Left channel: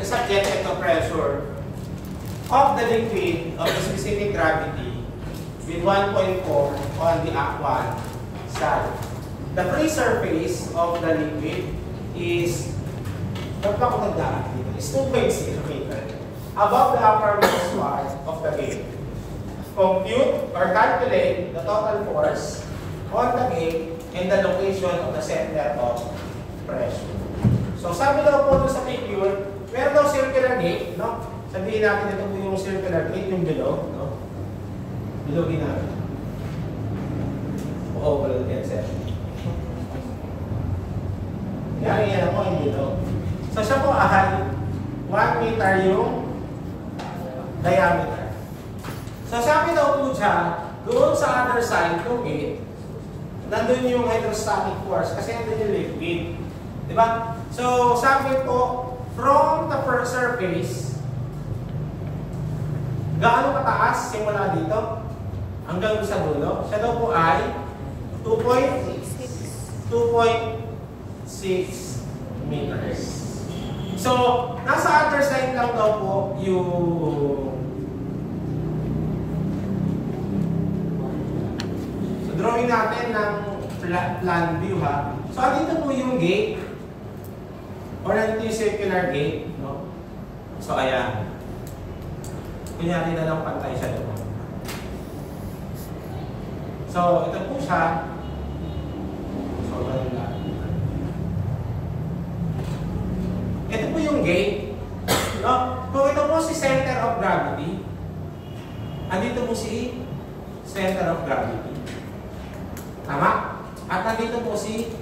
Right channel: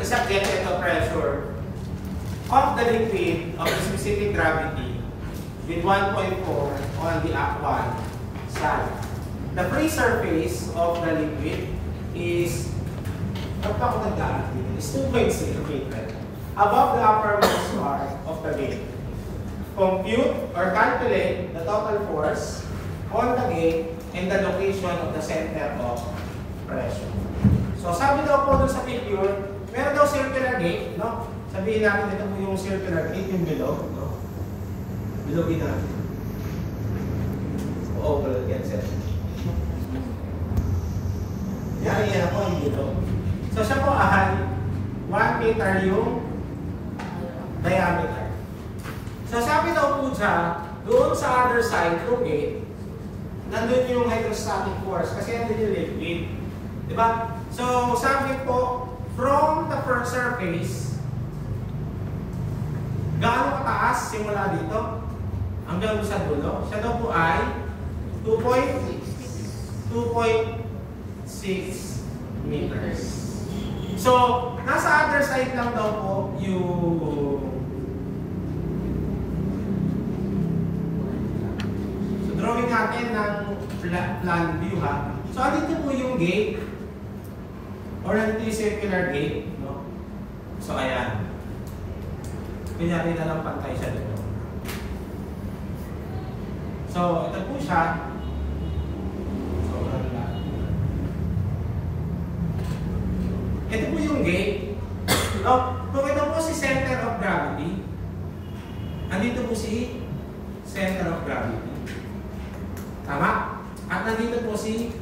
nag-subject ito pressure of the liquid of a specific gravity with 1.4 on the aqueous side. The free surface of the liquid is 2.0 meter above the uppermost part of the gate. Compute or calculate the total force on the gate and the location of the center of pressure. So sabi daw po dun sa figure, meron daw circular gate, no? Sabihin natin ito po yung circular gate, yung below, no? Bilogin natin. Oo, wala yan, sir. Yan po yung below. So siya po ay 1 meter yung diameter. So sabi daw po siya, doon sa other side ng gate, nandun yung hydrostatic force kasi nandun yung liquid. Diba? So sabi po, from the first surface, gaano kataas simula dito hanggang sa dulo? Siya daw po ay 2.6 meters. So, nasa other side lang daw po yung drawing natin ng plan view ha. So, dito po yung gate or dito yung circular gate. No? So, ayan. Kunyari na lang pantay siya doon. So, ito po siya. So, ito po yung gate. No? Kung ito po si center of gravity, andito po si center of gravity. Tama? At nandito po si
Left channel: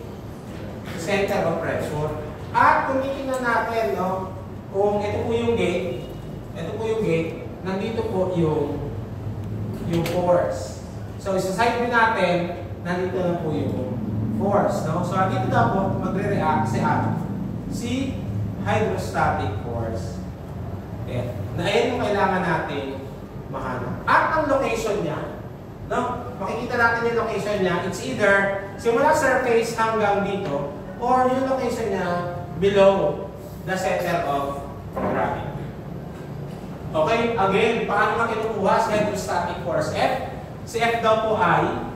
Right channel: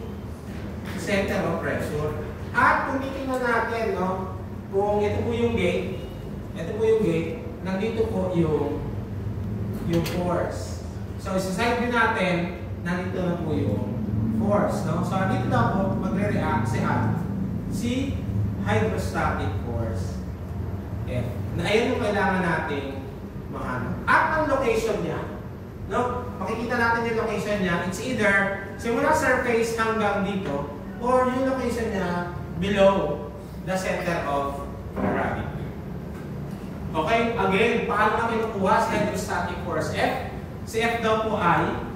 center of pressure. At kung titingnan natin, no, kung ito po yung gate, nandito po yung force. So, isa-side din natin, nandito na po yung force. No? So, dito na po magre-react si hydrostatic force F. Na ayan yung kailangan natin mahanap. At ang location niya, no? Makikita natin yung location niya. It's either simula surface hanggang dito or yung location niya below the center of gravity. Okay, again, paano ka kinukuha si hydrostatic force F? Si F daw po ay,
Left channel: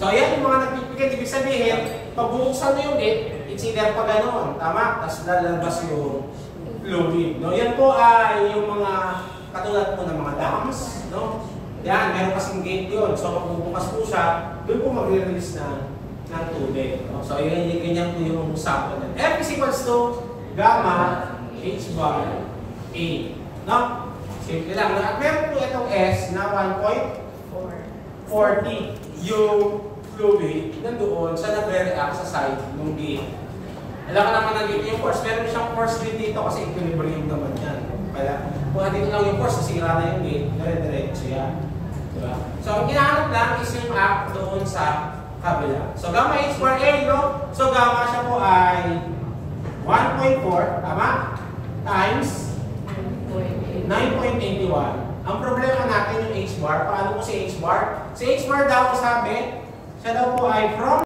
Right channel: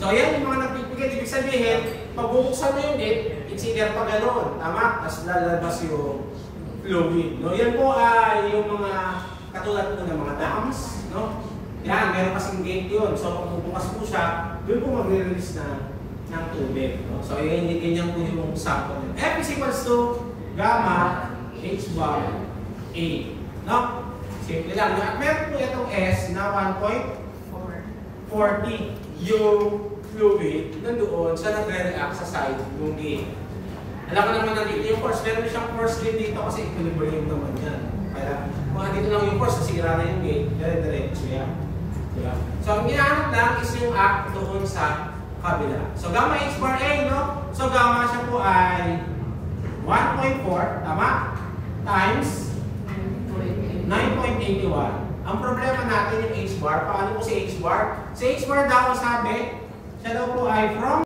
so ayan yung mga nagpipigil. Ibig sabihin, pag bubuksan mo yung gate, it's either pa ganoon, tama? Tapos lalabas yung fluid. No? Yan po ay yung mga katulad po ng mga dams. No? Yan, meron kasing gate yun. So magbubukas po siya, doon po mag-release ng tubig. No? So ayan, ganyan po yung sample. F is equals to gamma H bar A. No? Simple lang. At meron po itong S na 1.40 yung fluid nandoon sa nagre-react sa side ng gate. Alam ka naman nandito yung force. Meron siyang force din dito kasi equilibrium naman yan. Kaya kung dito lang yung force, nasira na yung gate, dire-diretso yan. Diba? So ang ginahanap lang is yung act doon sa kabila. So gamma H bar A, no? So gamma siya po ay 1.4, tama? Times 9.81. Ang problema natin yung H bar. Paano po si H bar? Si H bar daw sabi, siya daw po ay from